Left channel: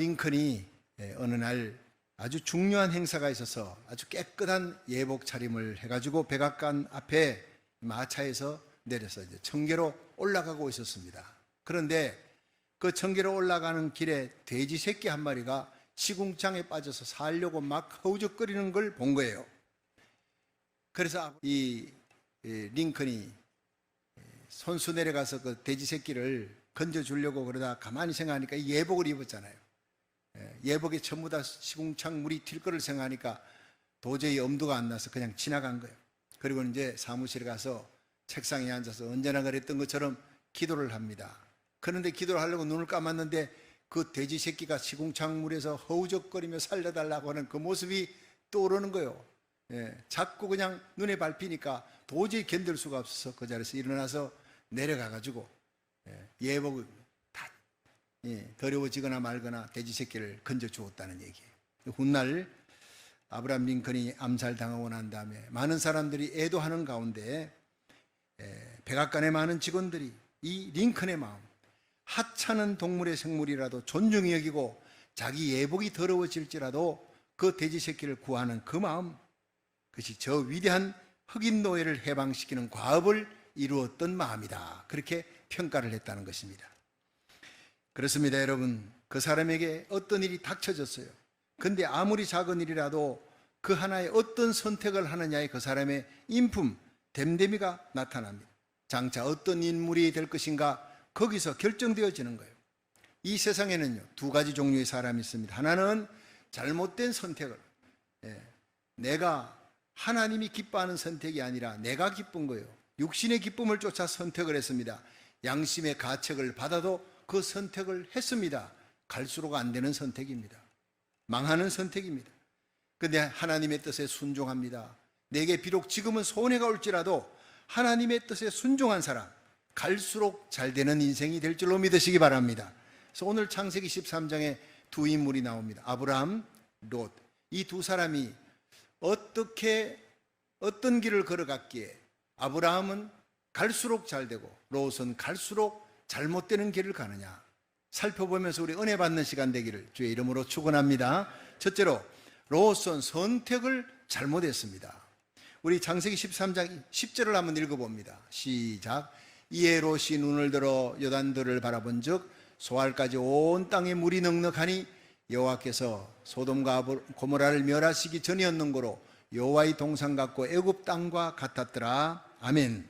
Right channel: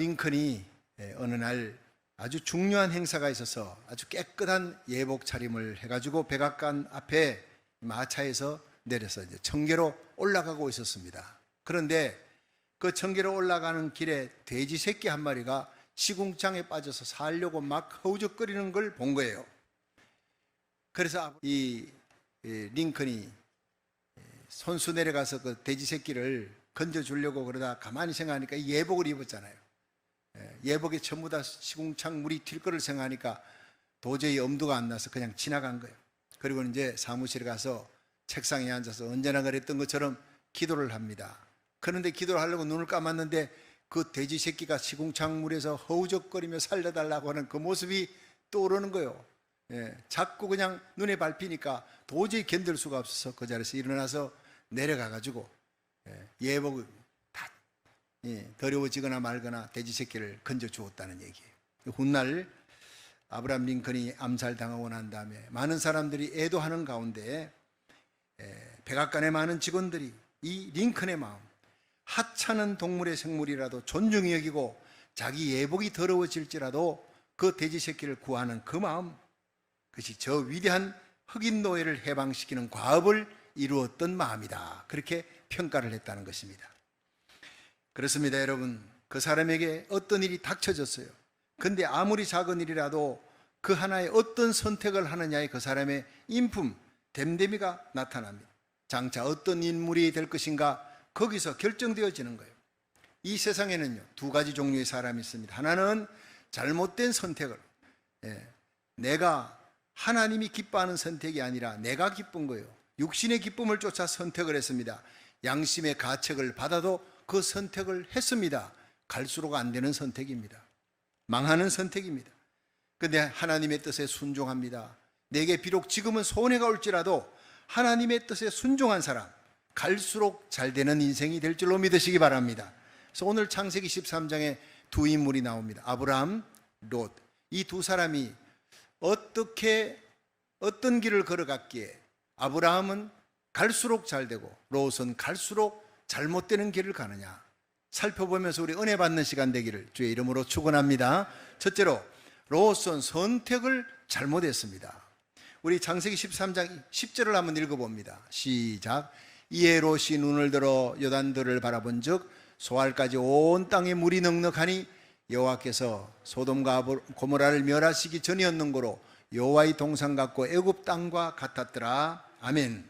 링컨이 어느 날 아주 중요한 행사가 있어서 아주 깨끗한 예복 차림을 해가지고 백악관 앞에 마차에서 내려서 이제 청계로 올라가고 있었습니다. 그런데 그 청계로 올라가는 길에 돼지 새끼 한 마리가 시궁창에 빠져서 살려고 막 허우적거리는 걸 본 거예요. 그래서 이 링컨이 손수 내려가서 그 돼지 새끼를 건져주려고 그러다 가만히 생각하니까 예복을 입었잖아요. 예복에 전부 다 시궁창 물이 튈 거를 생각하니까 도저히 엄두가 안 나서 그냥 지나간 거예요. 그리고 이제 사무실에 가서 책상에 앉아서 언제나 그랬던 것처럼 기도를 합니다. 그런데 기도를 하려고 눈을 감았는데 그 돼지 새끼가 시궁창 물에서 허우적거리며 살려달라고 하는 그 모습이 떠오르는 거예요. 자꾸 그냥 눈에 밟히니까 도저히 견딜 수가 없어서 그 자리에서 일어나서 내려가가지고 예복을 다 더러워지거나 말거나 돼지 새끼를 건져 주었다는 얘기예요. 훗날 아브라함 링컨이 암살당하고 난 다음에 많은 사람들이 애도하는 가운데 백악관의 많은 직원들이 이 링컨의 마음, 하찮은 동물의 생물이라도 존중히 여기고 자기 예복이 더러워질지라도 그 돼지 새끼를 구하는 그 마음, 그것이 저 위대한 흑인 노예를 해방시키는 과업을 이루었던 마음이다. 그렇게 평가를 했다는 것입니다. 그렇습니다, 여러분. 그 사람에게 어떤 일이 닥쳐졌어요. 근데 아무리 작은 일이라도 그 하나의 어떤 선택을 하느냐에 그 사람의 인품, 됨됨이가 나타납니다. 장차 어떤 인물이 될 것인가 거기서 결정되어지는 거예요. 이 세상에는요, 두 가지 종류의 사람이 있습니다. 하나는 잘못된 선택을, 내가 하나님이 기뻐하는 선택이 아니라 내가 기쁜 거예요. 육신의 기쁨을 쫓아 선택을 했습니다. 양심의 가책을 받아도 그 선택을 했습니다. 갈수록 안 되는 선택입니다. 망하는 선택입니다. 그런데 하나님의 뜻에 순종합니다. 내게 비록 지금은 손해가 올지라도 하나님의 뜻에 순종한 사람, 갈수록 잘 되는 인생이 될 줄로 믿으시기 바랍니다. 그래서 오늘 창세기 13장에 두 인물이 나옵니다. 아브라함, 롯. 이 두 사람이 어떤 길을 걸어갔기에 아브라함은 갈수록 잘 되고 롯은 갈수록 잘못되는 길을 가느냐 살펴보면서 우리 은혜 받는 시간 되기를 주의 이름으로 축원합니다. 첫째로 롯은 선택을 잘못했습니다. 우리 창세기 13장 10절을 한번 읽어봅니다. 시작. 이에 롯이 눈을 들어 요단들을 바라본 즉 소알까지 온 땅에 물이 넉넉하니 여호와께서 소돔과 고모라를 멸하시기 전이었는고로 여호와의 동산 같고 애굽 땅과 같았더라. 아멘.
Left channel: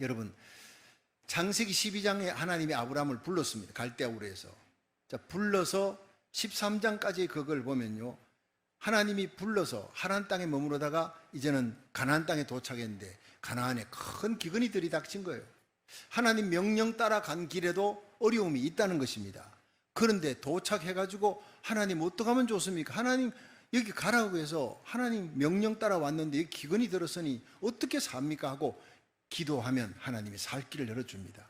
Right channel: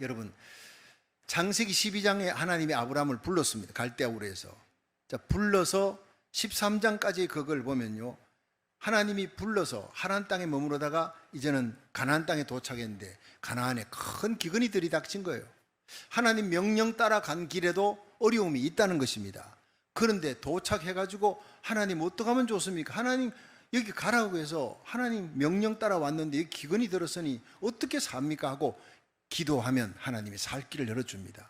여러분, 창세기 12장에 하나님이 아브라함을 불렀습니다. 갈대아우르에서. 자, 불러서 13장까지 그걸 보면요, 하나님이 불러서 하나안 땅에 머무르다가 이제는 가나안 땅에 도착했는데 가나안에 큰 기근이 들이닥친 거예요. 하나님 명령 따라 간 길에도 어려움이 있다는 것입니다. 그런데 도착해가지고 하나님 어떡하면 좋습니까? 하나님 여기 가라고 해서 하나님 명령 따라 왔는데 여기 기근이 들었으니 어떻게 삽니까? 하고 기도하면 하나님이 살 길을 열어줍니다.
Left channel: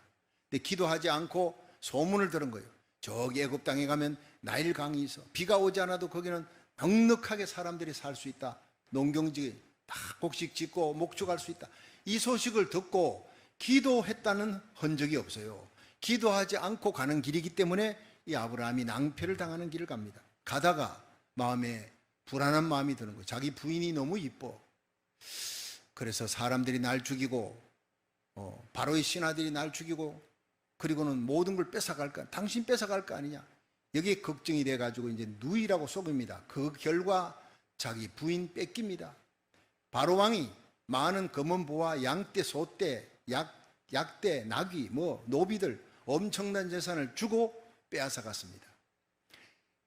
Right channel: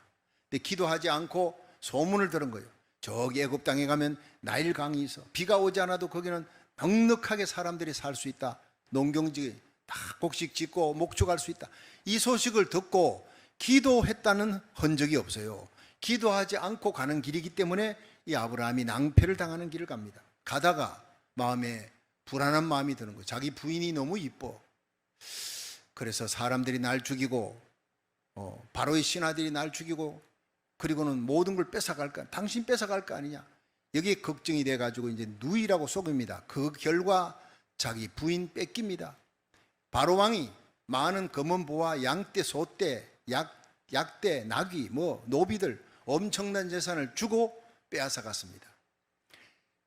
근데 기도하지 않고 소문을 들은 거예요. 저기 애굽 땅에 가면 나일 강이 있어. 비가 오지 않아도 거기는 넉넉하게 사람들이 살 수 있다. 농경지 다 곡식 짓고 목축할 수 있다. 이 소식을 듣고 기도했다는 흔적이 없어요. 기도하지 않고 가는 길이기 때문에 이 아브라함이 낭패를 당하는 길을 갑니다. 가다가 마음에 불안한 마음이 드는 거예요. 자기 부인이 너무 이뻐. 그래서 사람들이 날 죽이고 바로의 신하들이 날 죽이고 그리고는 모든 걸 뺏어갈까? 당신 뺏어갈 거 아니냐? 여기에 걱정이 돼가지고 이제 누이라고 속입니다. 그 결과 자기 부인 뺏깁니다. 바로 왕이 많은 검은 보와 양떼, 소떼, 약떼, 나귀, 노비들 엄청난 재산을 주고 빼앗아 갔습니다.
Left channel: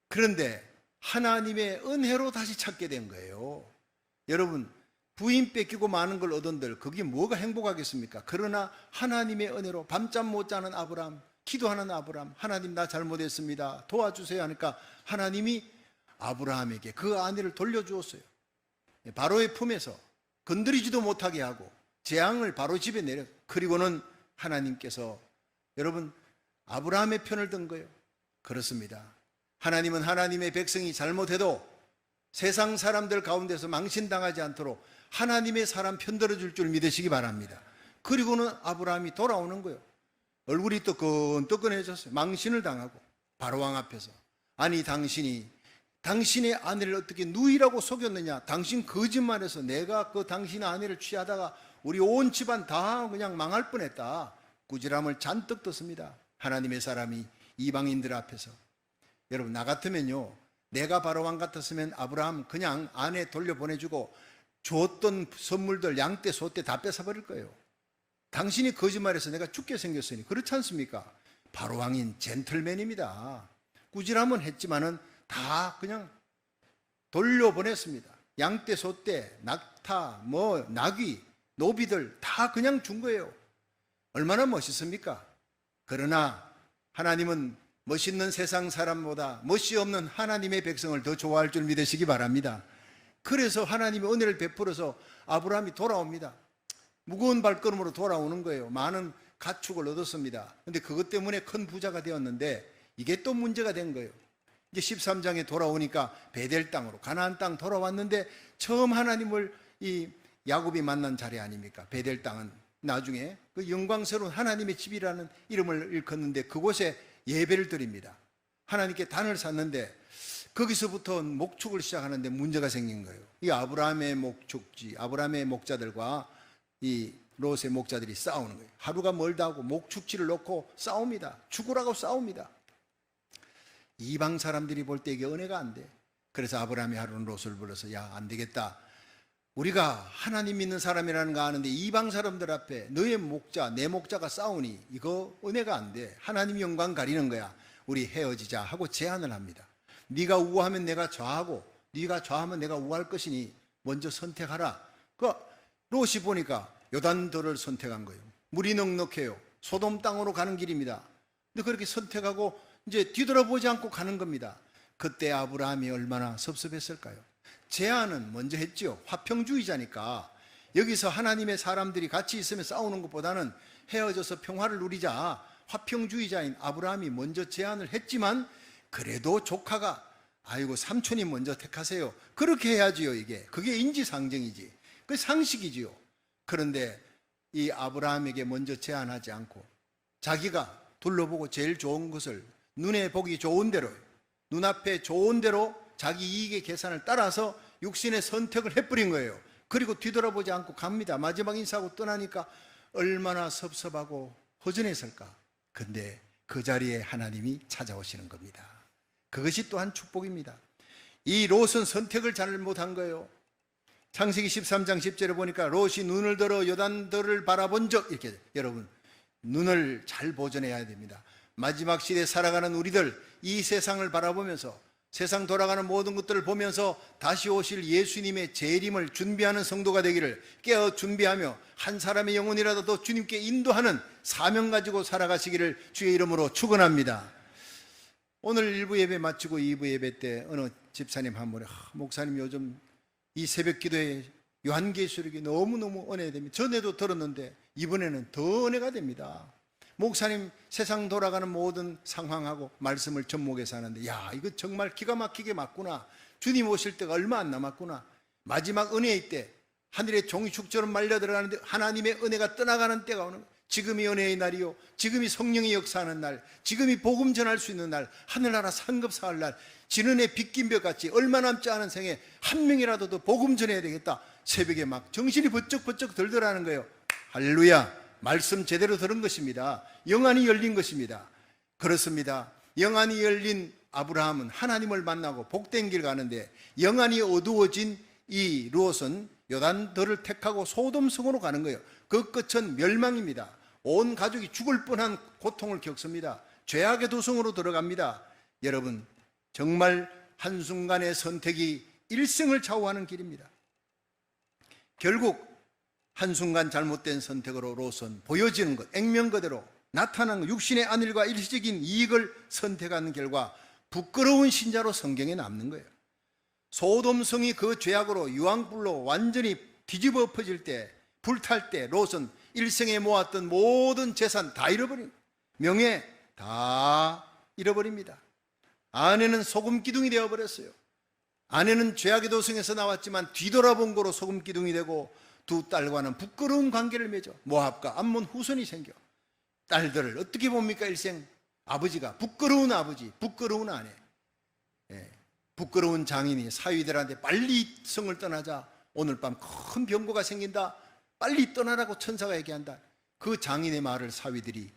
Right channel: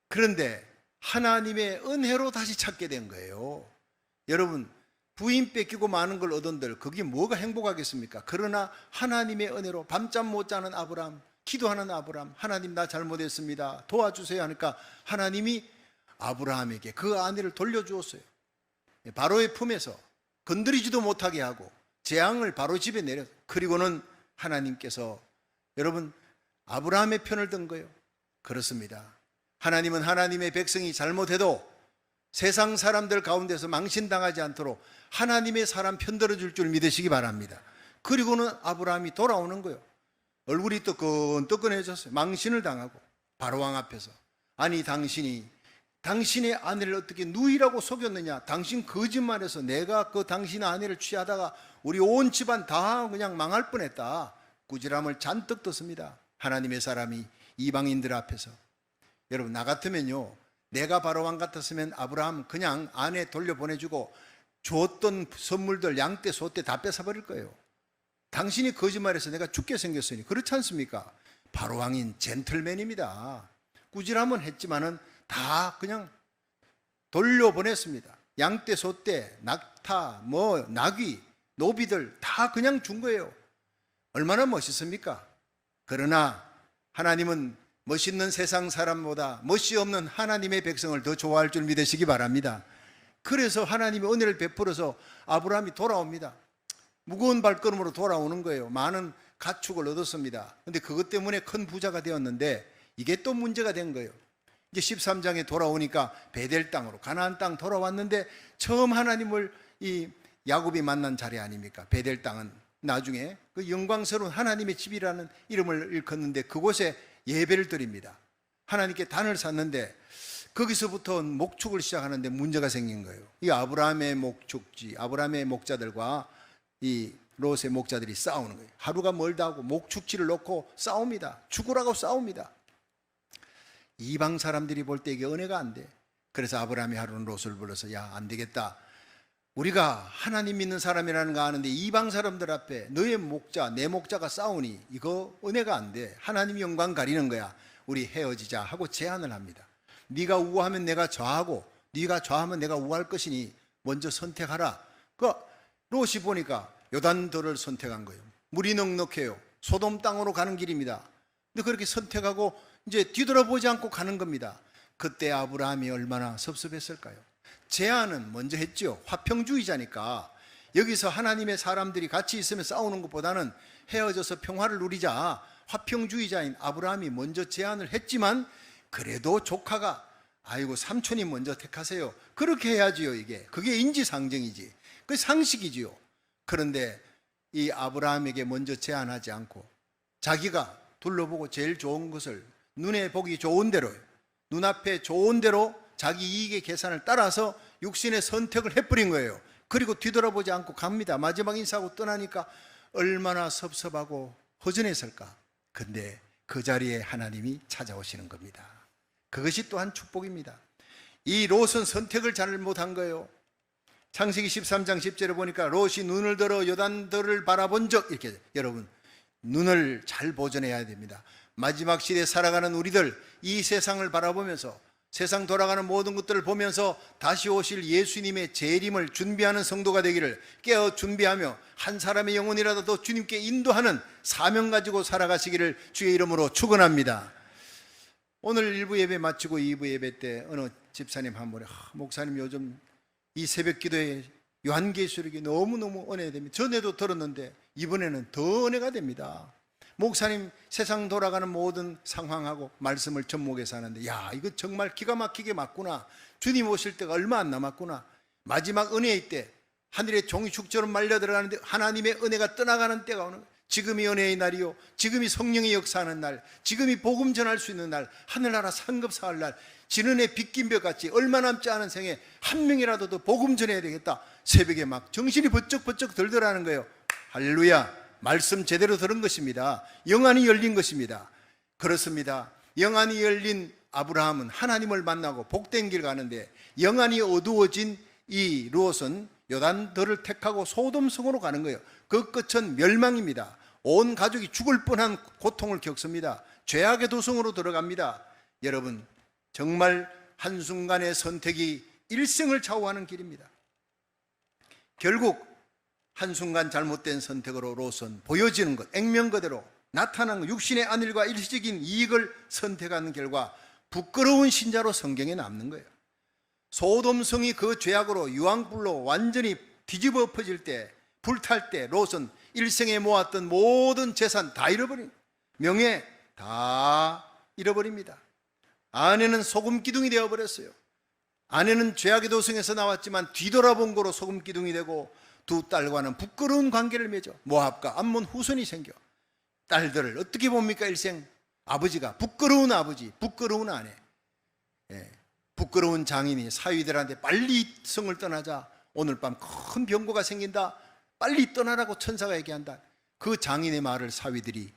그런데 하나님의 은혜로 다시 찾게 된 거예요. 여러분, 부인 뺏기고 많은 걸 얻은들 그게 뭐가 행복하겠습니까? 그러나 하나님의 은혜로 밤잠 못 자는 아브라함, 기도하는 아브라함, 하나님 나 잘못했습니다. 도와주세요 하니까 하나님이 아브라함에게 그 아내를 돌려주었어요. 바로의 품에서 건드리지도 못하게 하고 재앙을 바로 집에 내려. 그리고는 하나님께서 여러분 아브라함의 편을 든 거예요. 그렇습니다. 하나님은 하나님의 백성이 잘못해도 세상 사람들 가운데서 망신당하지 않도록 하나님의 사람 편들어줄 줄 믿으시기 바랍니다. 그리고는 아브라함이 돌아오는 거예요. 얼굴이 뜨끈뜨끈해졌어요. 망신을 당하고 바로왕 앞에서 아니 당신의 아내를 어떻게 누이라고 속였느냐? 당신 거짓말해서 내가 그 당신의 아내를 취하다가 우리 온 집안 다 그냥 망할 뻔했다. 꾸지람을 잔뜩 떴습니다. 하나님의 사람이 이방인들 앞에서. 여러분, 나 같으면요, 내가 바로왕 같았으면 아브라함 그냥 아내 돌려보내주고 줬던 선물들 양떼 소떼 다 뺏어버릴 거예요. 당신이 거짓말해서 내가 죽게 생겼으니. 그렇지 않습니까? 바로왕인 젠틀맨입니다. 꾸지람은 했지만은 다 그냥 돌려보냈습니다. 양떼 소떼 낙타 나귀 노비들 다 그냥 준 거예요. 얼마나 멋있습니까? 그러나 하나님은 멋있는 세상 사람보다 멋이 없는 하나님의 백성을 더 좋아할 줄 믿으시기 바랍니다. 그래서 하나님의 은혜를 베풀어서 아브라함이 돌아옵니다. 무거운 발걸음으로 돌아오는 거예요. 많은 가축을 얻었습니다. 그런데 그것 때문에 큰 부자가 되었는데 이게 또 문제가 된 거예요. 이제 13장에 돌아오니까 베델 땅으로 가나안 땅 돌아왔는데 처음 하나님을 이 야곱이 만난 자리 아닙니까? 베델 땅은 나중에 그 영광스러운 하나님의 집이라는 이름을 일컫는데 그곳에 예배를 드립니다. 하나님께 단을 샀는데 거기서부터 목축을 시작하는데 문제가 생긴 거예요. 이 아브라함의 목축지, 아브라함의 목자들과 이 롯의 목자들이 싸우는 거예요. 하루가 멀다 하고 목축지를 놓고 싸웁니다. 죽으라고 싸웁니다. 이방 사람들이 볼 때 이게 은혜가 안 돼. 그래서 아브라함이 하루는 롯을 불러서 야, 안 되겠다. 우리가 하나님 믿는 사람이라는 거 아는데 이방 사람들 앞에 너의 목자, 내 목자가 싸우니 이거 은혜가 안 돼. 하나님 영광 가리는 거야. 우리 헤어지자 하고 제안을 합니다. 네가 우하면 내가 좌하고 네가 좌하면 내가 우할 것이니 먼저 선택하라. 그 롯이 보니까 요단더를 선택한 거예요. 물이 넉넉해요. 소돔 땅으로 가는 길입니다. 근데 그렇게 선택하고 이제 뒤돌아보지 않고 가는 겁니다. 그때 아브라함이 얼마나 섭섭했을까요? 제안은 먼저 했죠. 화평주의자니까 여기서 하나님의 사람들이 같이 있으면 싸우는 것보다는 헤어져서 평화를 누리자. 화평주의자인 아브라함이 먼저 제안을 했지만 그래도 조카가 아이고 삼촌이 먼저 택하세요. 그렇게 해야지요. 이게 그게 인지상정이지. 그게 상식이지요. 그런데 이 아브라함에게 먼저 제안하지 않고 자기가 둘러보고 제일 좋은 것을 눈에 보기 좋은 대로 눈앞에 좋은 대로 자기 이익의 계산을 따라서 육신의 선택을 해버린 거예요. 그리고 뒤돌아보지 않고 갑니다. 마지막 인사하고 떠나니까 얼마나 섭섭하고 허전했을까. 근데 그 자리에 하나님이 찾아오시는 겁니다. 그것이 또한 축복입니다. 이 롯은 선택을 잘못한 거예요. 창세기 13장 10절에 보니까 롯이 눈을 들어 요단들을 바라본 적, 이렇게 여러분 눈을 잘 보존해야 됩니다. 마지막 시대에 살아가는 우리들 이 세상을 바라보면서 세상 돌아가는 모든 것들을 보면서 다시 오실 예수님의 재림을 준비하는 성도가 되기를 깨어 준비하며 한 사람의 영혼이라도 더 주님께 인도하는 사명 가지고 살아가시기를 주의 이름으로 축원합니다. 오늘 1부 예배 마치고 2부 예배 때 어느 집사님 한 분이 목사님 요즘 이 새벽 기도에 요한계시록이 너무너무 은혜됩니다. 전에도 들었는데 이번에는 더 은혜가 됩니다. 목사님 세상 돌아가는 모든 상황하고 말씀을 접목해서 하는데 야, 이거 정말 기가 막히게 맞구나. 주님 오실 때가 얼마 안 남았구나. 마지막 은혜의 때 하늘의 종이 축처럼 말려 들어가는데 하나님의 은혜가 떠나가는 때가 오는 거예요. 지금이 은혜의 날이요, 지금이 성령의 역사하는 날, 지금이 복음 전할 수 있는 날, 하늘나라 상급사할 날, 지는해 빗긴 벽같이 얼마 남지 않은 생에 한 명이라도 더 복음 전해야 되겠다. 새벽에 막 정신이 번쩍번쩍 들더라는 거예요. 할렐루야. 말씀 제대로 들은 것입니다. 영안이 열린 것입니다. 그렇습니다. 영안이 열린 아브라함은 하나님을 만나고 복된 길 가는데 영안이 어두워진 이 롯은 요단더를 택하고 소돔성으로 가는 거예요. 그 끝은 멸망입니다. 온 가족이 죽을 뻔한 고통을 겪습니다. 죄악의 도성으로 들어갑니다. 여러분, 정말 한순간의 선택이 일생을 좌우하는 길입니다. 결국 한순간 잘못된 선택으로 롯은 보여지는 것, 액면 그대로 나타난 것, 육신의 안일과 일시적인 이익을 선택한 결과 부끄러운 신자로 성경에 남는 거예요. 소돔성이 그 죄악으로 유황불로 완전히 뒤집어 엎어질 때, 불탈 때 롯은 일생에 모았던 모든 재산 다 잃어버립니다. 명예 다 잃어버립니다. 아내는 소금 기둥이 되어버렸어요. 아내는 죄악의 도성에서 나왔지만 뒤돌아본 거로 소금 기둥이 되고 두 딸과는 부끄러운 관계를 맺어 모압과 암몬 후손이 생겨 딸들을 어떻게 봅니까? 일생 아버지가 부끄러운 아버지, 부끄러운 아내. 부끄러운 장인이 사위들한테 빨리 성을 떠나자. 오늘 밤 큰 병고가 생긴다. 빨리 떠나라고 천사가 얘기한다. 그 장인의 말을 사위들이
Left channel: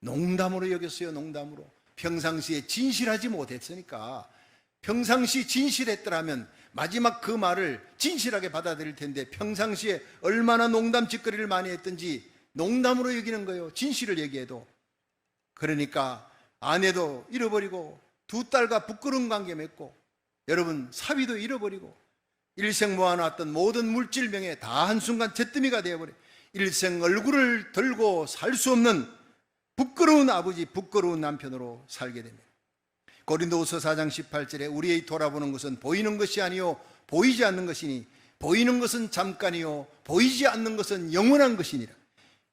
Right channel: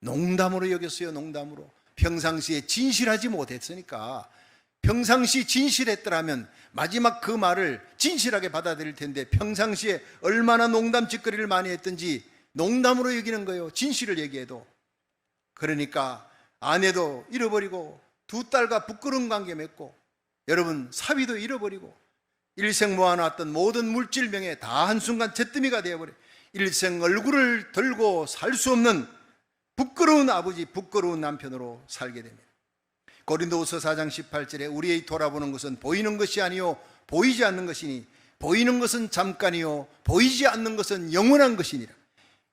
농담으로 여겼어요. 농담으로. 평상시에 진실하지 못했으니까, 평상시 진실했더라면 마지막 그 말을 진실하게 받아들일 텐데, 평상시에 얼마나 농담 짓거리를 많이 했든지 농담으로 여기는 거예요. 진실을 얘기해도. 그러니까 아내도 잃어버리고 두 딸과 부끄러운 관계 맺고, 여러분 사위도 잃어버리고, 일생 모아놨던 모든 물질명예 다 한순간 잿더미가 되어버려. 일생 얼굴을 들고 살 수 없는 부끄러운 아버지, 부끄러운 남편으로 살게 됩니다. 고린도후서 4장 18절에 우리의 돌아보는 것은 보이는 것이 아니요 보이지 않는 것이니 보이는 것은 잠깐이요 보이지 않는 것은 영원한 것이니라.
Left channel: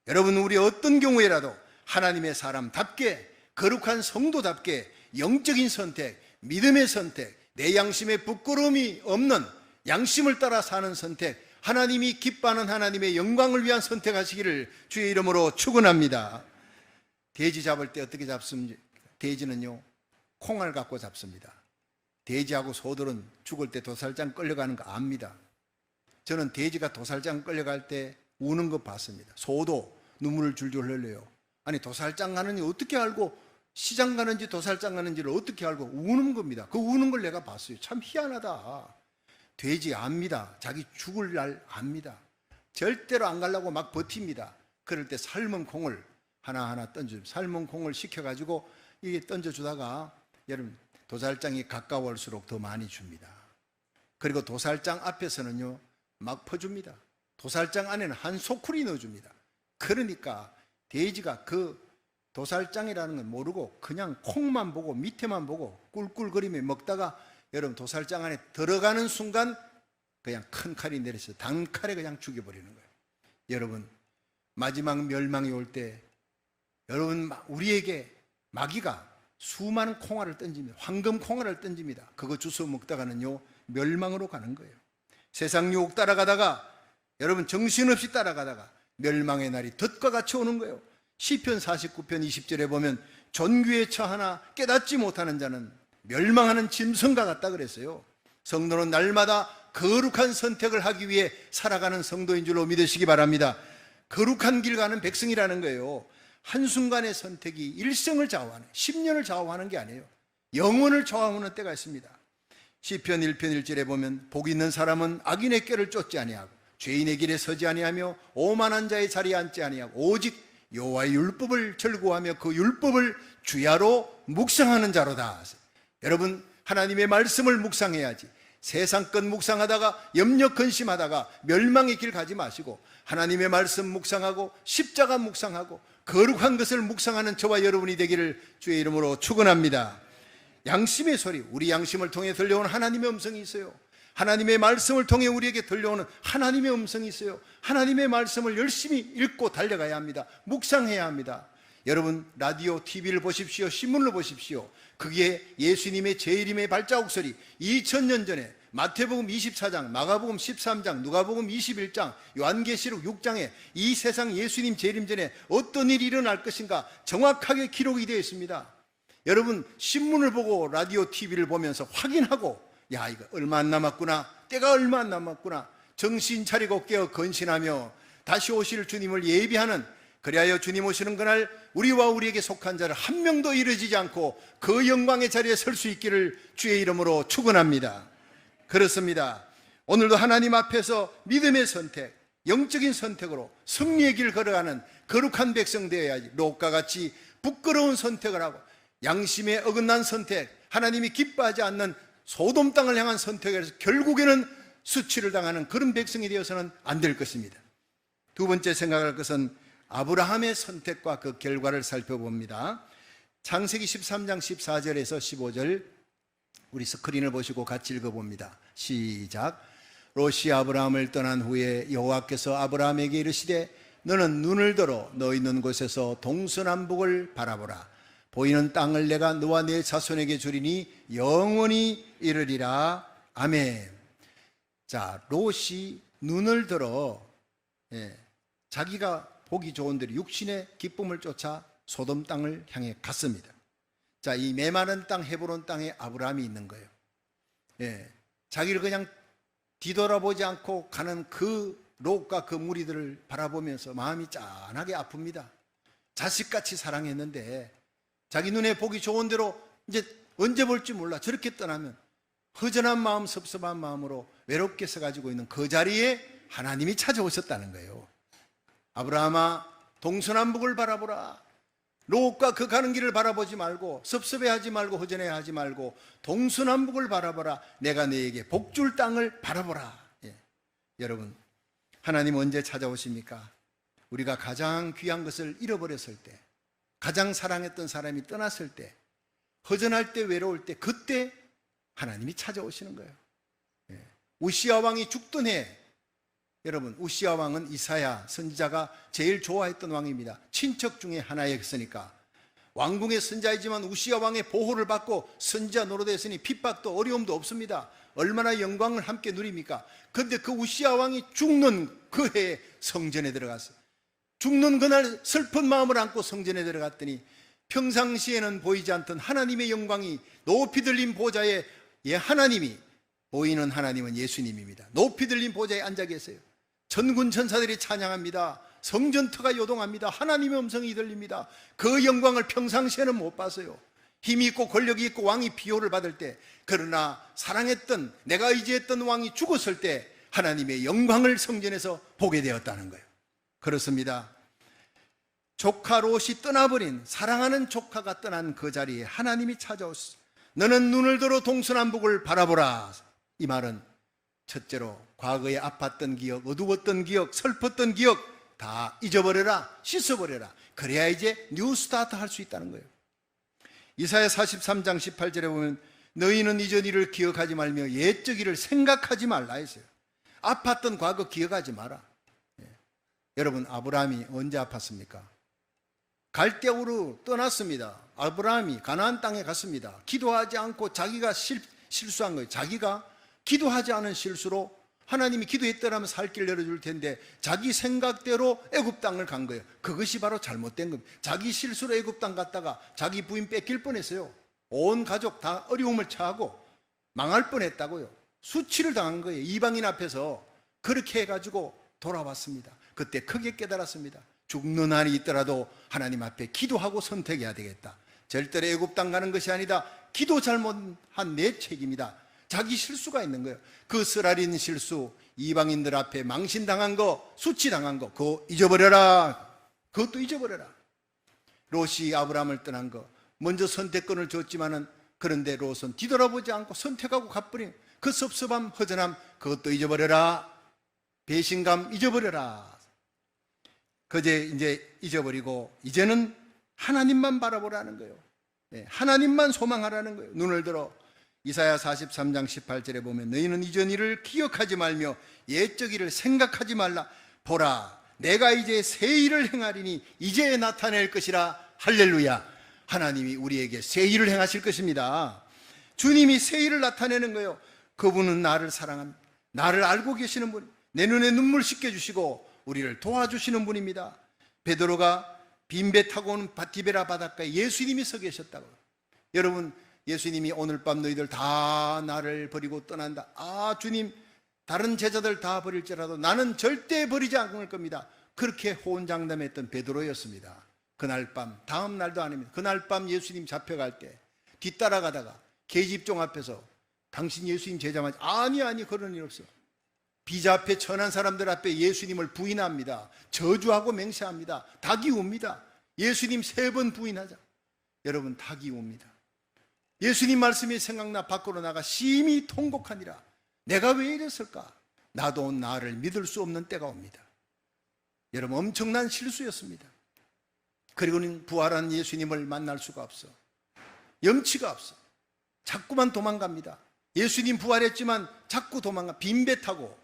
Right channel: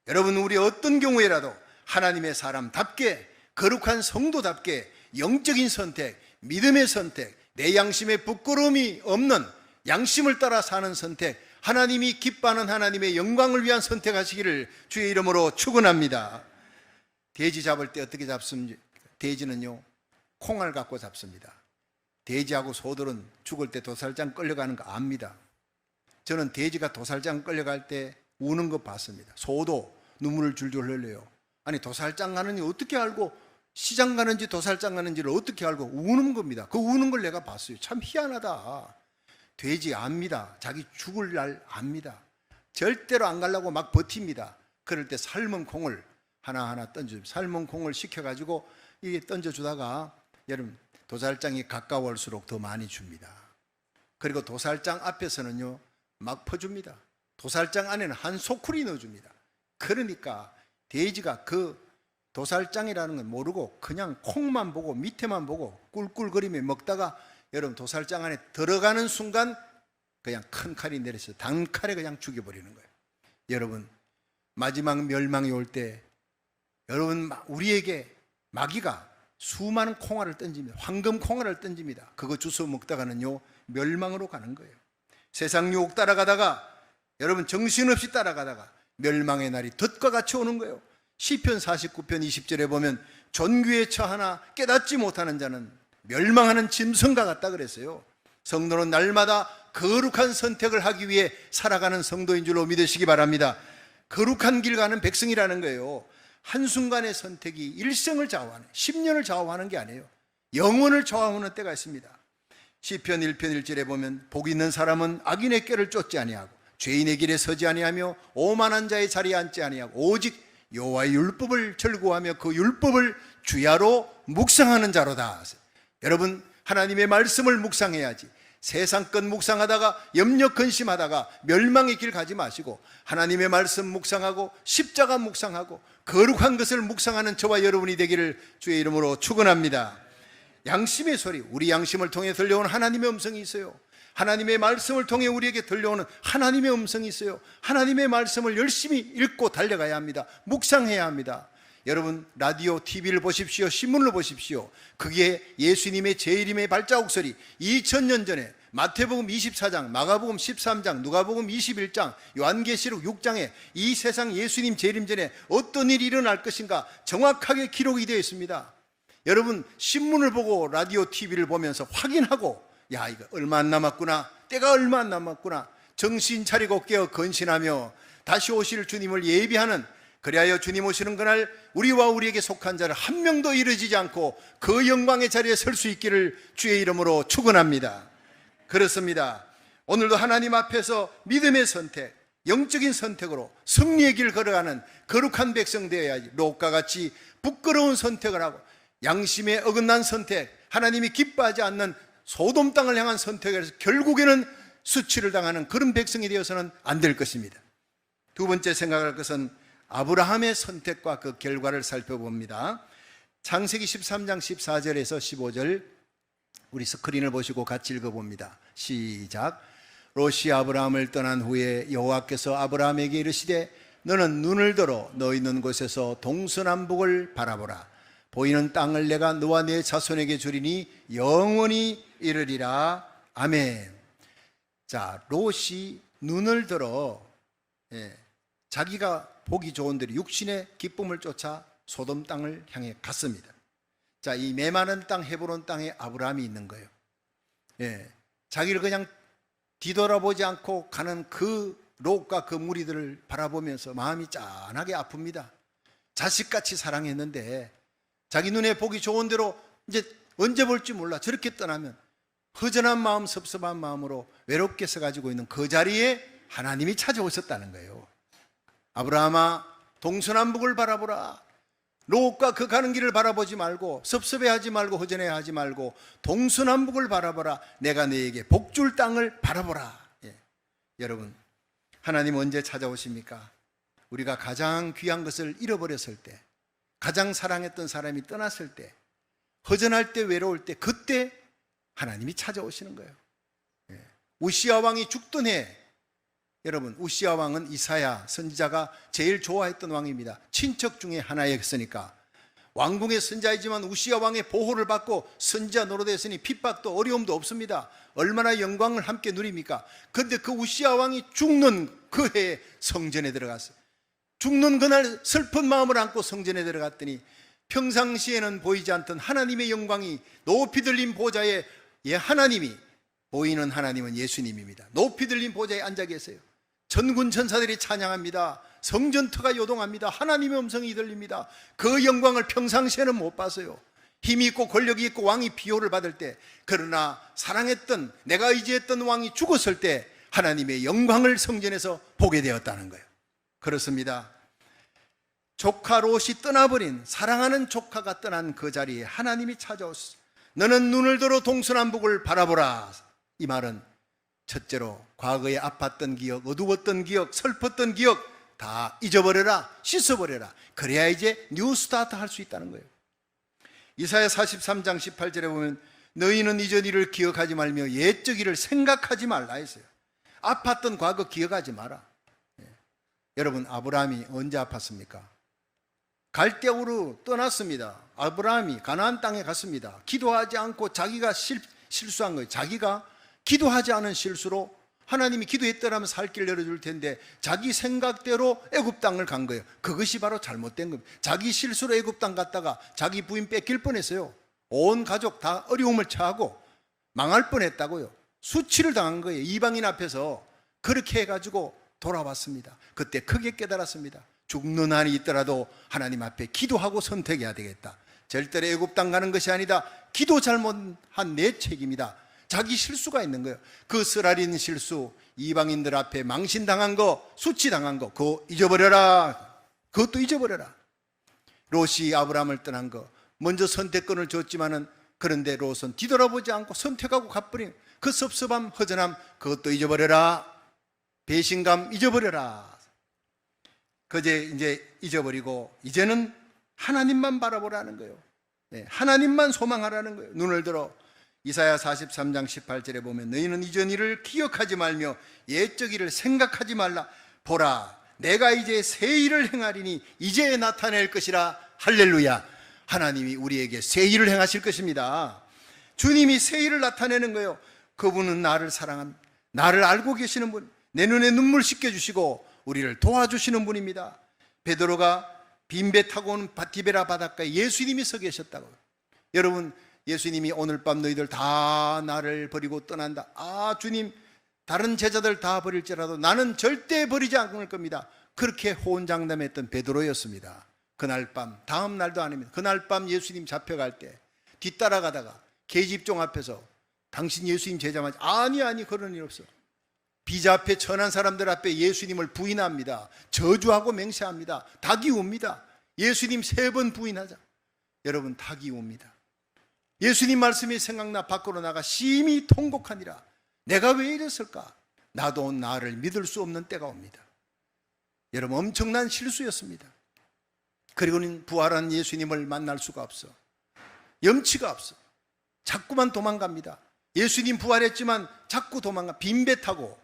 여러분, 우리 어떤 경우에라도 하나님의 사람답게, 거룩한 성도답게 영적인 선택, 믿음의 선택, 내 양심에 부끄러움이 없는 양심을 따라 사는 선택, 하나님이 기뻐하는 하나님의 영광을 위한 선택하시기를 주의 이름으로 축원합니다. 돼지 잡을 때 어떻게 잡습니까? 돼지는요, 콩알 갖고 잡습니다. 돼지하고 소들은 죽을 때 도살장 끌려가는 거 압니다. 저는 돼지가 도살장 끌려갈 때 우는 거 봤습니다. 소도 눈물을 줄줄 흘려요. 아니, 도살장 가는지 어떻게 알고, 시장 가는지 도살장 가는지를 어떻게 알고 우는 겁니다. 그 우는 걸 내가 봤어요. 참 희한하다. 돼지 압니다. 자기 죽을 날 압니다. 절대로 안 가려고 막 버팁니다. 그럴 때 삶은 콩을 하나하나 던져줍니다. 삶은 콩을 식혀가지고 이게 던져주다가, 여러분, 도살장이 가까울수록 더 많이 줍니다. 그리고 도살장 앞에서는요 막 퍼줍니다. 도살장 안에는 한 소쿠리 넣어줍니다. 그러니까 돼지가 그 도살장이라는 건 모르고 그냥 콩만 보고 밑에만 보고 꿀꿀거리며 먹다가, 여러분, 도살장 안에 들어가는 순간 그냥 큰 칼이 내려서 단칼에 그냥 죽여버리는 거예요. 여러분, 마지막 멸망이 올 때 여러분, 우리에게 마귀가 수많은 콩알을 던집니다. 황금 콩알을 던집니다. 그거 주워 먹다가는요 멸망으로 가는 거예요. 세상 유혹 따라가다가, 여러분, 정신없이 따라가다가 멸망의 날이 덫과 같이 오는 거예요. 시편 49편 20절에 보면 존귀에 처하나 깨닫지 못하는 자는 멸망하는 짐승과 같다 그랬어요. 성도는 날마다 거룩한 선택을 하기 위해 살아가는 성도인 줄로 믿으시기 바랍니다. 거룩한 길 가는 백성이라는 거예요. 한순간의 선택이 일생을 좌우하는, 10년을 좌우하는 게 아니에요. 영혼을 좌우하는 때가 있습니다. 시편 1편 1절에 보면 복 있는 사람은 악인의 꾀를 쫓지 아니하고 죄인의 길에 서지 아니하며 오만한 자의 자리에 앉지 아니하고 오직 여호와의 율법을 즐거워하며 그 율법을 주야로 묵상하는 자로다. 여러분, 하나님의 말씀을 묵상해야지. 세상 것 묵상하다가 염려 근심하다가 멸망의 길 가지 마시고, 하나님의 말씀 묵상하고 십자가 묵상하고 거룩한 것을 묵상하는 저와 여러분이 되기를 주의 이름으로 축원합니다. 양심의 소리, 우리 양심을 통해 들려오는 하나님의 음성이 있어요. 하나님의 말씀을 통해 우리에게 들려오는 하나님의 음성이 있어요. 하나님의 말씀을 열심히 읽고 달려가야 합니다. 묵상해야 합니다. 여러분, 라디오, TV를 보십시오. 신문을 보십시오. 그게 예수님의 재림의 발자국 소리. 2000년 전에 마태복음 24장, 마가복음 13장, 누가복음 21장, 요한계시록 6장에 이 세상 예수님 재림 전에 어떤 일이 일어날 것인가 정확하게 기록이 되어 있습니다. 여러분, 신문을 보고 라디오, TV를 보면서 확인하고, 야, 이거 얼마 안 남았구나, 때가 얼마 안 남았구나, 정신 차리고 깨어 건신하며 다시 오실 주님을 예비하는, 그리하여 주님 오시는 그날 우리와 우리에게 속한 자를 한 명도 이루어지지 않고 그 영광의 자리에 설 수 있기를 주의 이름으로 축원합니다. 그렇습니다. 오늘도 하나님 앞에서 믿음의 선택, 영적인 선택으로 승리의 길 걸어가는 거룩한 백성 되어야지. 롯과 같이 부끄러운 선택을 하고 양심에 어긋난 선택, 하나님이 기뻐하지 않는 소돔 땅을 향한 선택을 해서 결국에는 수치를 당하는 그런 백성이 되어서는 안 될 것입니다. 두 번째 생각할 것은 아브라함의 선택과 그 결과를 살펴봅니다. 창세기 13장 14절에서 15절, 우리 스크린을 보시고 같이 읽어봅니다. 시작. 롯이 아브라함을 떠난 후에 여호와께서 아브라함에게 이르시되 너는 눈을 들어 너 있는 곳에서 동서남북을 바라보라. 보이는 땅을 내가 너와 내 자손에게 주리니 영원히 이르리라. 아멘. 자, 롯이 눈을 들어 자기가 보기 좋은 대로 육신의 기쁨을 쫓아 소돔 땅을 향해 갔습니다. 자, 이 메마른 땅 헤브론 땅에 아브라함이 있는 거예요. 자기를 그냥 뒤돌아보지 않고 가는 그 롯과 그 무리들을 바라보면서 마음이 짠하게 아픕니다. 자식같이 사랑했는데 자기 눈에 보기 좋은 대로 이제 언제 볼지 몰라 저렇게 떠나면 허전한 마음, 섭섭한 마음으로 외롭게 서가지고 있는 그 자리에 하나님이 찾아오셨다는 거예요. 아브라함아, 동서남북을 바라보라. 롯과 그 가는 길을 바라보지 말고 섭섭해하지 말고 허전해하지 말고 동서남북을 바라보라. 내가 너에게 복줄 땅을 바라보라. 여러분, 하나님 언제 찾아오십니까? 우리가 가장 귀한 것을 잃어버렸을 때, 가장 사랑했던 사람이 떠났을 때, 허전할 때, 외로울 때, 그때 하나님이 찾아오시는 거예요. 우시야 왕이 죽던 해, 여러분, 우시야 왕은 이사야 선지자가 제일 좋아했던 왕입니다. 친척 중에 하나였으니까. 왕궁의 선지자이지만 우시야 왕의 보호를 받고 선지자 노릇했으니 핍박도 어려움도 없습니다. 얼마나 영광을 함께 누립니까? 그런데 그 우시야 왕이 죽는 그 해에 성전에 들어갔어요. 죽는 그날 슬픈 마음을 안고 성전에 들어갔더니 평상시에는 보이지 않던 하나님의 영광이 높이 들린 보좌에 하나님이 보이는 하나님은 예수님입니다. 높이 들린 보좌에 앉아 계세요. 전군 천사들이 찬양합니다. 성전터가 요동합니다. 하나님의 음성이 들립니다. 그 영광을 평상시에는 못 봤어요. 힘이 있고 권력이 있고 왕이 비호를 받을 때, 그러나 사랑했던 내가 의지했던 왕이 죽었을 때 하나님의 영광을 성전에서 보게 되었다는 거예요. 그렇습니다. 조카 롯이 떠나버린, 사랑하는 조카가 떠난 그 자리에 하나님이 찾아오셨어요. 너는 눈을 들어 동서남북을 바라보라. 이 말은 첫째로 과거에 아팠던 기억, 어두웠던 기억, 슬펐던 기억 다 잊어버려라, 씻어버려라. 그래야 이제 뉴 스타트 할 수 있다는 거예요. 이사야 43장 18절에 보면 너희는 이전 일을 기억하지 말며 옛적 일을 생각하지 말라 했어요. 아팠던 과거 기억하지 마라. 여러분, 아브라함이 언제 아팠습니까? 갈대우로 떠났습니다. 아브라함이 가나안 땅에 갔습니다. 기도하지 않고 자기가 실수한 거예요. 자기가 기도하지 않은 실수로 하나님이 기도했더라면 살 길 열어줄 텐데 자기 생각대로 애굽 땅을 간 거예요. 그것이 바로 잘못된 겁니다. 자기 실수로 애굽 땅 갔다가 자기 부인 뺏길 뻔했어요. 온 가족 다 어려움을 처하고 망할 뻔했다고요. 수치를 당한 거예요. 이방인 앞에서. 그렇게 해가지고 돌아왔습니다. 그때 크게 깨달았습니다. 죽는 한이 있더라도 하나님 앞에 기도하고 선택해야 되겠다. 절대로 애굽 땅 가는 것이 아니다. 기도 잘못한 내 책임이다. 자기 실수가 있는 거예요. 그 쓰라린 실수, 이방인들 앞에 망신당한 거, 수치당한 거, 그거 잊어버려라. 그것도 잊어버려라. 롯이 아브라함을 떠난 거, 먼저 선택권을 줬지만은 그런데 롯은 뒤돌아보지 않고 선택하고 가버린 그 섭섭함, 허전함, 그것도 잊어버려라. 배신감 잊어버려라. 그제 이제 잊어버리고 이제는 하나님만 바라보라는 거예요. 하나님만 소망하라는 거예요. 눈을 들어 이사야 43장 18절에 보면 너희는 이전 일을 기억하지 말며 옛적 일을 생각하지 말라. 보라, 내가 이제 새 일을 행하리니 이제 나타낼 것이라. 할렐루야. 하나님이 우리에게 새 일을 행하실 것입니다. 주님이 새 일을 나타내는 거예요. 그분은 나를 사랑합니다. 나를 알고 계시는 분, 내 눈에 눈물 씻겨주시고 우리를 도와주시는 분입니다. 베드로가 빈배 타고 오는 디베라 바닷가에 예수님이 서 계셨다고. 여러분, 예수님이 오늘 밤 너희들 다 나를 버리고 떠난다. 아, 주님, 다른 제자들 다 버릴지라도 나는 절대 버리지 않을 겁니다. 그렇게 호언장담했던 베드로였습니다. 그날 밤, 다음 날도 아닙니다. 그날 밤 예수님 잡혀갈 때 뒤따라가다가 계집종 앞에서 당신 예수님 제자 맞지? 아니 그런 일 없어. 비자 앞에 천한 사람들 앞에 예수님을 부인합니다. 저주하고 맹세합니다. 닭이 옵니다. 예수님 3번 부인하자. 여러분, 닭이 옵니다. 예수님 말씀이 생각나 밖으로 나가 심히 통곡하니라. 내가 왜 이랬을까? 나도 나를 믿을 수 없는 때가 옵니다. 여러분, 엄청난 실수였습니다. 그리고는 부활한 예수님을 만날 수가 없어. 염치가 없어. 자꾸만 도망갑니다. 예수님 부활했지만 자꾸 도망가. 빈배 타고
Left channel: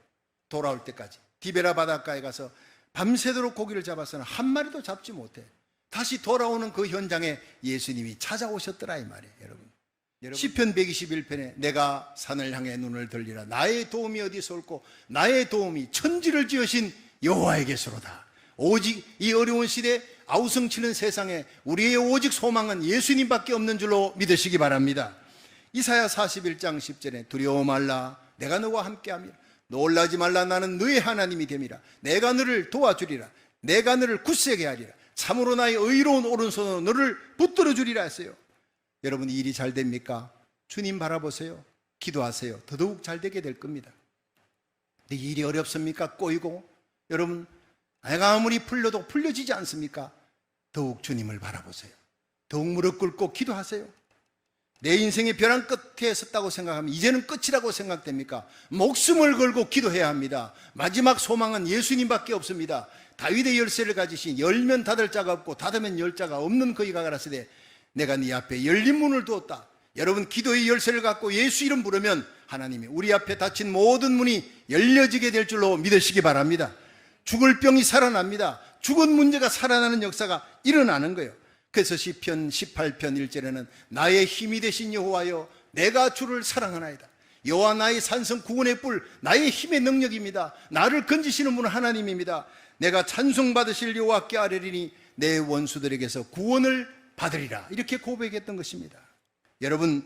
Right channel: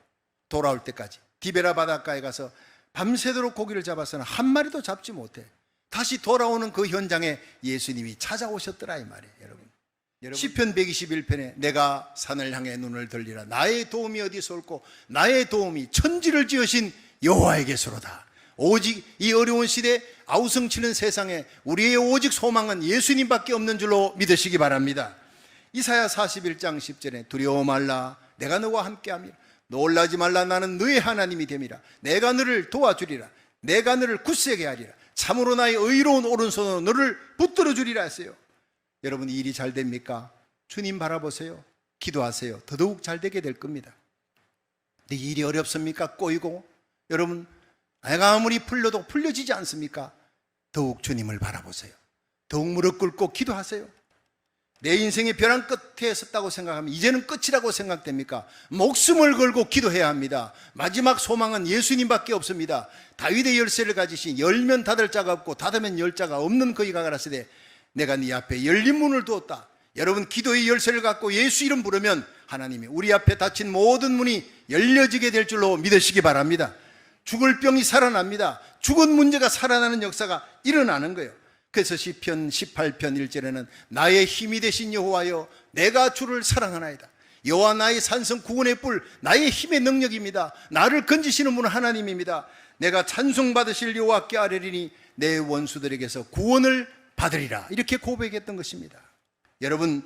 돌아올 때까지 디베라 바닷가에 가서 밤새도록 고기를 잡아서는 한 마리도 잡지 못해. 다시 돌아오는 그 현장에 예수님이 찾아오셨더라 이 말이에요. 여러분, 시편 121편에 내가 산을 향해 눈을 들리라. 나의 도움이 어디서 올꼬? 나의 도움이 천지를 지으신 여호와에게서로다. 오직 이 어려운 시대 아우성치는 세상에 우리의 오직 소망은 예수님밖에 없는 줄로 믿으시기 바랍니다. 이사야 41장 10절에 두려워 말라 내가 너와 함께함이라. 놀라지 말라 나는 너의 하나님이 됨이라. 내가 너를 도와주리라. 내가 너를 굳세게 하리라. 참으로 나의 의로운 오른손으로 너를 붙들어 주리라 했어요. 여러분, 이 일이 잘 됩니까? 주님 바라보세요. 기도하세요. 더더욱 잘 되게 될 겁니다. 근데 이 일이 어렵습니까? 꼬이고, 여러분, 내가 아무리 풀려도 풀려지지 않습니까? 더욱 주님을 바라보세요. 더욱 무릎 꿇고 기도하세요. 내 인생의 벼랑 끝에 섰다고 생각하면 이제는 끝이라고 생각됩니까? 목숨을 걸고 기도해야 합니다. 마지막 소망은 예수님밖에 없습니다. 다윗의 열쇠를 가지신 열면 닫을 자가 없고 닫으면 열 자가 없는 그이가 가라사대 내가 네 앞에 열린 문을 두었다. 여러분, 기도의 열쇠를 갖고 예수 이름 부르면 하나님이 우리 앞에 닫힌 모든 문이 열려지게 될 줄로 믿으시기 바랍니다. 죽을 병이 살아납니다. 죽은 문제가 살아나는 역사가 일어나는 거예요. 그래서 시편 18편 1절에는 나의 힘이 되신 여호와여 내가 주를 사랑하나이다. 여호와 나의 산성 구원의 뿔 나의 힘의 능력입니다. 나를 건지시는 분은 하나님입니다. 내가 찬송받으실 여호와께 아뢰리니 내 원수들에게서 구원을 받으리라. 이렇게 고백했던 것입니다. 여러분,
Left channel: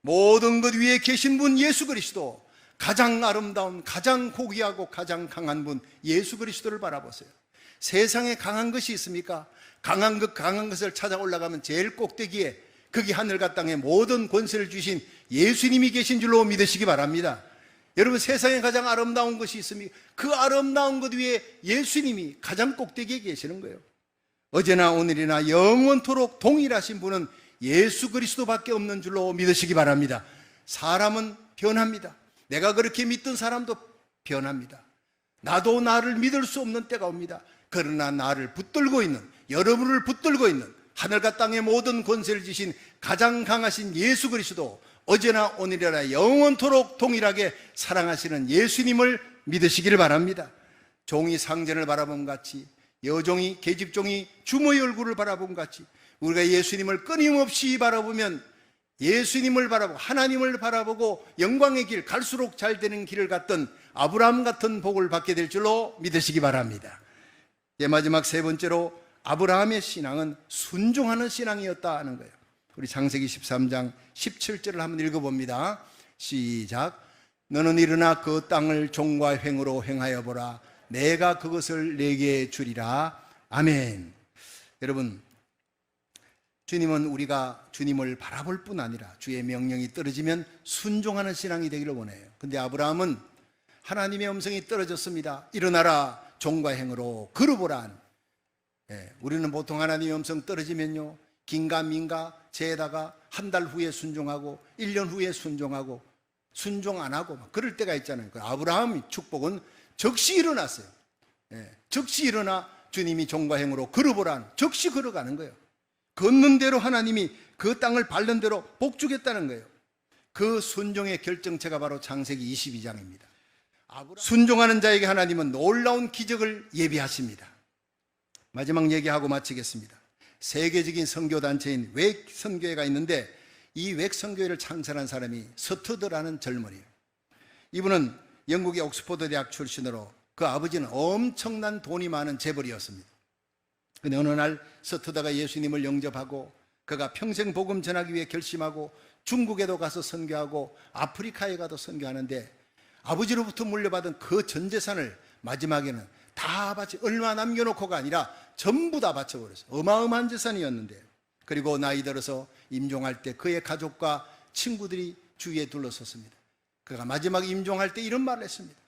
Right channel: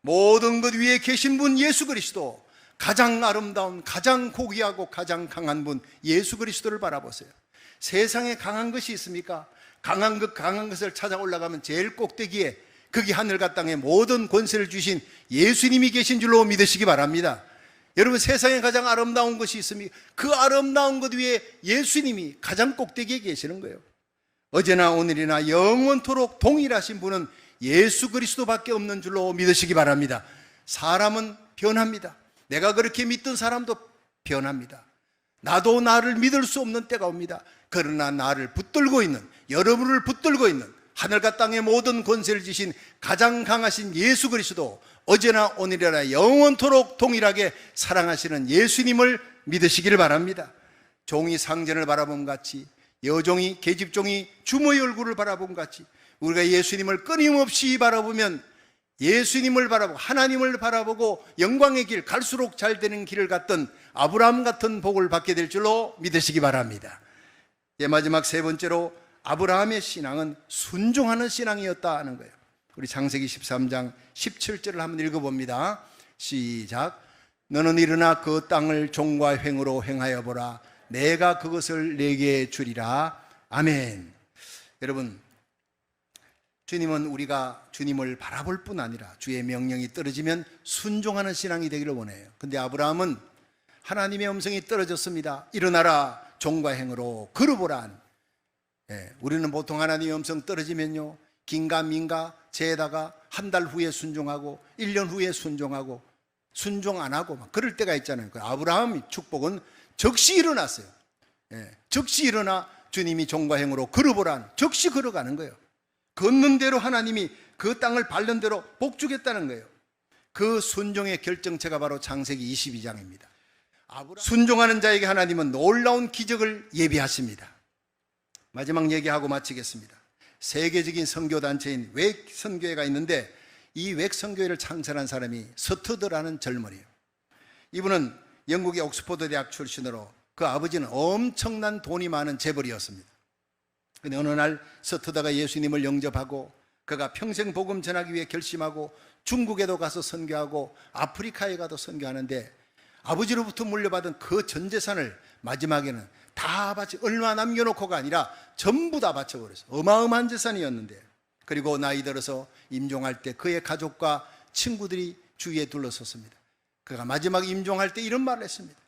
모든 것 위에 계신 분 예수 그리스도, 가장 아름다운, 가장 고귀하고 가장 강한 분 예수 그리스도를 바라보세요. 세상에 강한 것이 있습니까? 강한 것을 찾아 올라가면 제일 꼭대기에 거기 하늘과 땅에 모든 권세를 주신 예수님이 계신 줄로 믿으시기 바랍니다. 여러분, 세상에 가장 아름다운 것이 있습니까? 그 아름다운 것 위에 예수님이 가장 꼭대기에 계시는 거예요. 어제나 오늘이나 영원토록 동일하신 분은 예수 그리스도밖에 없는 줄로 믿으시기 바랍니다. 사람은 변합니다. 내가 그렇게 믿던 사람도 변합니다. 나도 나를 믿을 수 없는 때가 옵니다. 그러나 나를 붙들고 있는, 여러분을 붙들고 있는 하늘과 땅의 모든 권세를 지신 가장 강하신 예수 그리스도, 어제나 오늘이나 영원토록 동일하게 사랑하시는 예수님을 믿으시기를 바랍니다. 종이 상전을 바라본 같이, 여종이 계집종이 주모의 얼굴을 바라본 같이 우리가 예수님을 끊임없이 바라보면 예수님을 바라보고 하나님을 바라보고 영광의 길, 갈수록 잘 되는 길을 갔던 아브라함 같은 복을 받게 될 줄로 믿으시기 바랍니다. 마지막 세 번째로 아브라함의 신앙은 순종하는 신앙이었다 하는 거예요. 우리 창세기 13장 17절을 한번 읽어봅니다. 시작. 너는 일어나 그 땅을 종과 횡으로 행하여 보라. 내가 그것을 내게 주리라. 아멘. 여러분, 주님은 우리가 주님을 바라볼 뿐 아니라 주의 명령이 떨어지면 순종하는 신앙이 되기를 원해요. 근데 아브라함은 하나님의 음성이 떨어졌습니다. 일어나라, 종과 행으로 걸어보라. 우리는 보통 하나님의 음성 떨어지면요, 긴가민가 재다가 한 달 후에 순종하고 1년 후에 순종하고 순종 안 하고 막 그럴 때가 있잖아요. 아브라함의 축복은 즉시 일어났어요. 즉시 일어나 주님이 종과 행으로 걸어보라. 즉시 걸어가는 거예요. 걷는 대로 하나님이 그 땅을 밟는 대로 복 주겠다는 거예요. 그 순종의 결정체가 바로 창세기 22장입니다. 순종하는 자에게 하나님은 놀라운 기적을 예비하십니다. 마지막 얘기하고 마치겠습니다. 세계적인 선교단체인 웩 선교회가 있는데 이 웩 선교회를 창설한 사람이 서터드라는 젊은이에요. 이분은 영국의 옥스퍼드 대학 출신으로 그 아버지는 엄청난 돈이 많은 재벌이었습니다. 근데 어느 날 서터다가 예수님을 영접하고 그가 평생 복음 전하기 위해 결심하고 중국에도 가서 선교하고 아프리카에 가도 선교하는데 아버지로부터 물려받은 그 전 재산을 마지막에는 다 바치, 얼마 남겨놓고가 아니라 전부 다 바쳐버렸어요. 어마어마한 재산이었는데, 그리고 나이 들어서 임종할 때 그의 가족과 친구들이 주위에 둘러섰습니다. 그가 마지막 임종할 때 이런 말을 했습니다.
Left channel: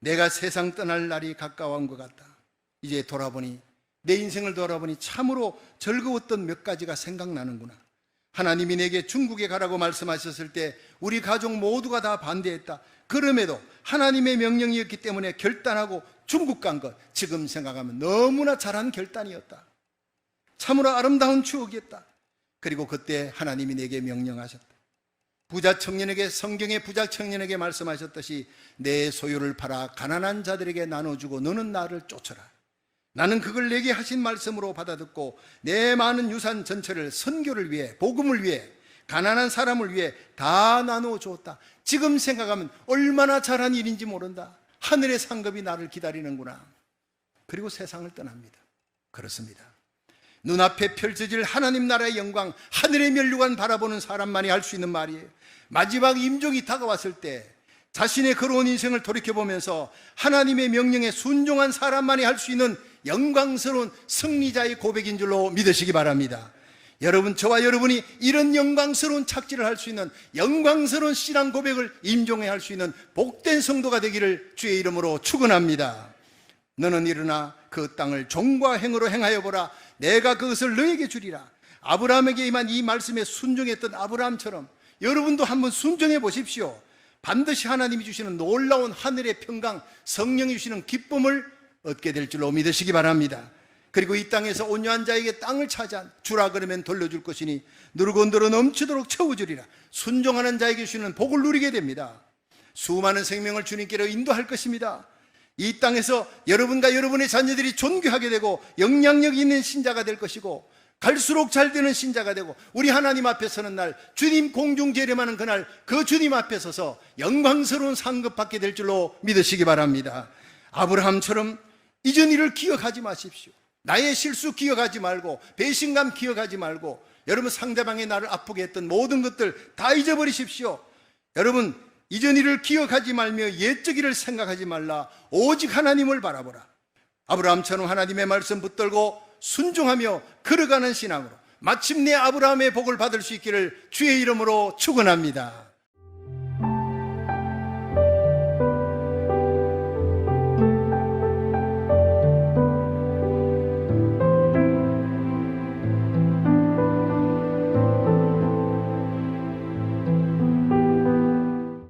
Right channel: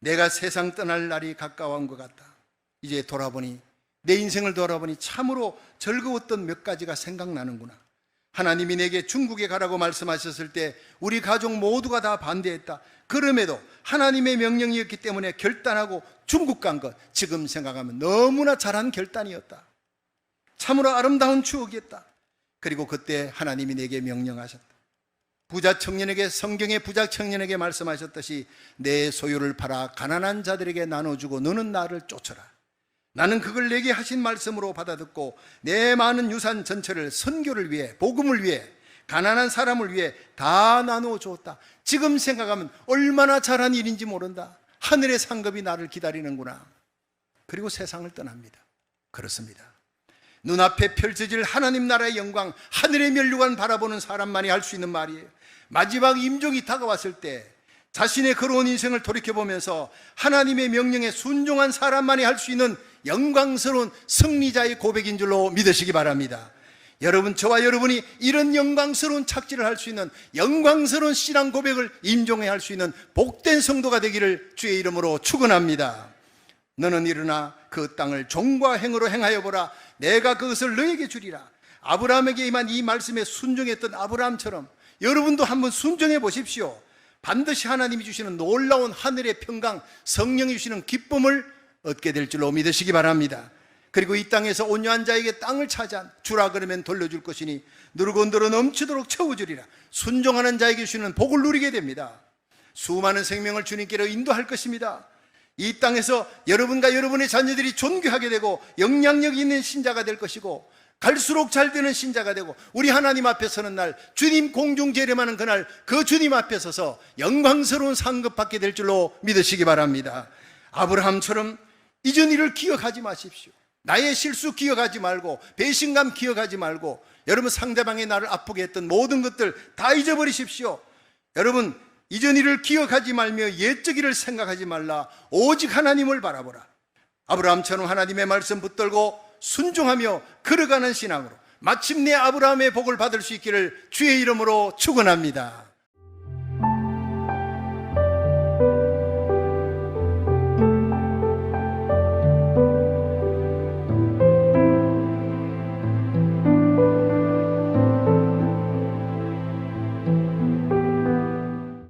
내가 세상 떠날 날이 가까워온 것 같다. 이제 돌아보니, 내 인생을 돌아보니 참으로 즐거웠던 몇 가지가 생각나는구나. 하나님이 내게 중국에 가라고 말씀하셨을 때 우리 가족 모두가 다 반대했다. 그럼에도 하나님의 명령이었기 때문에 결단하고 중국 간 것, 지금 생각하면 너무나 잘한 결단이었다. 참으로 아름다운 추억이었다. 그리고 그때 하나님이 내게 명령하셨다. 부자 청년에게, 성경의 부자 청년에게 말씀하셨듯이 내 소유를 팔아 가난한 자들에게 나눠주고 너는 나를 쫓아라. 나는 그걸 내게 하신 말씀으로 받아듣고 내 많은 유산 전체를 선교를 위해, 복음을 위해, 가난한 사람을 위해 다 나누어 주었다. 지금 생각하면 얼마나 잘한 일인지 모른다. 하늘의 상급이 나를 기다리는구나. 그리고 세상을 떠납니다. 그렇습니다. 눈앞에 펼쳐질 하나님 나라의 영광, 하늘의 면류관 바라보는 사람만이 할 수 있는 말이에요. 마지막 임종이 다가왔을 때 자신의 걸어온 인생을 돌이켜보면서 하나님의 명령에 순종한 사람만이 할 수 있는 영광스러운 승리자의 고백인 줄로 믿으시기 바랍니다. 여러분, 저와 여러분이 이런 영광스러운 착지를 할 수 있는 영광스러운 신앙 고백을 임종해 할 수 있는 복된 성도가 되기를 주의 이름으로 축원합니다. 너는 일어나 그 땅을 종과 행으로 행하여 보라. 내가 그것을 너에게 주리라. 아브라함에게 임한 이 말씀에 순종했던 아브라함처럼 여러분도 한번 순종해 보십시오. 반드시 하나님이 주시는 놀라운 하늘의 평강, 성령이 주시는 기쁨을 얻게 될 줄로 믿으시기 바랍니다. 그리고 이 땅에서 온유한 자에게 땅을 차지한 주라 그러면 돌려줄 것이니 누르고 늘어 넘치도록 채워주리라. 순종하는 자에게 주시는 복을 누리게 됩니다. 수많은 생명을 주님께로 인도할 것입니다. 이 땅에서 여러분과 여러분의 자녀들이 존귀하게 되고 영향력 있는 신자가 될 것이고 갈수록 잘 되는 신자가 되고 우리 하나님 앞에 서는 날, 주님 공중 재림하는 그날, 그 주님 앞에 서서 영광스러운 상급 받게 될 줄로 믿으시기 바랍니다. 아브라함처럼 이전 일을 기억하지 마십시오. 나의 실수 기억하지 말고, 배신감 기억하지 말고, 여러분 상대방이 나를 아프게 했던 모든 것들 다 잊어버리십시오. 여러분, 이전 일을 기억하지 말며 옛적 일을 생각하지 말라. 오직 하나님을 바라보라. 아브라함처럼 하나님의 말씀 붙들고 순종하며 걸어가는 신앙으로 마침내 아브라함의 복을 받을 수 있기를 주의 이름으로 축원합니다.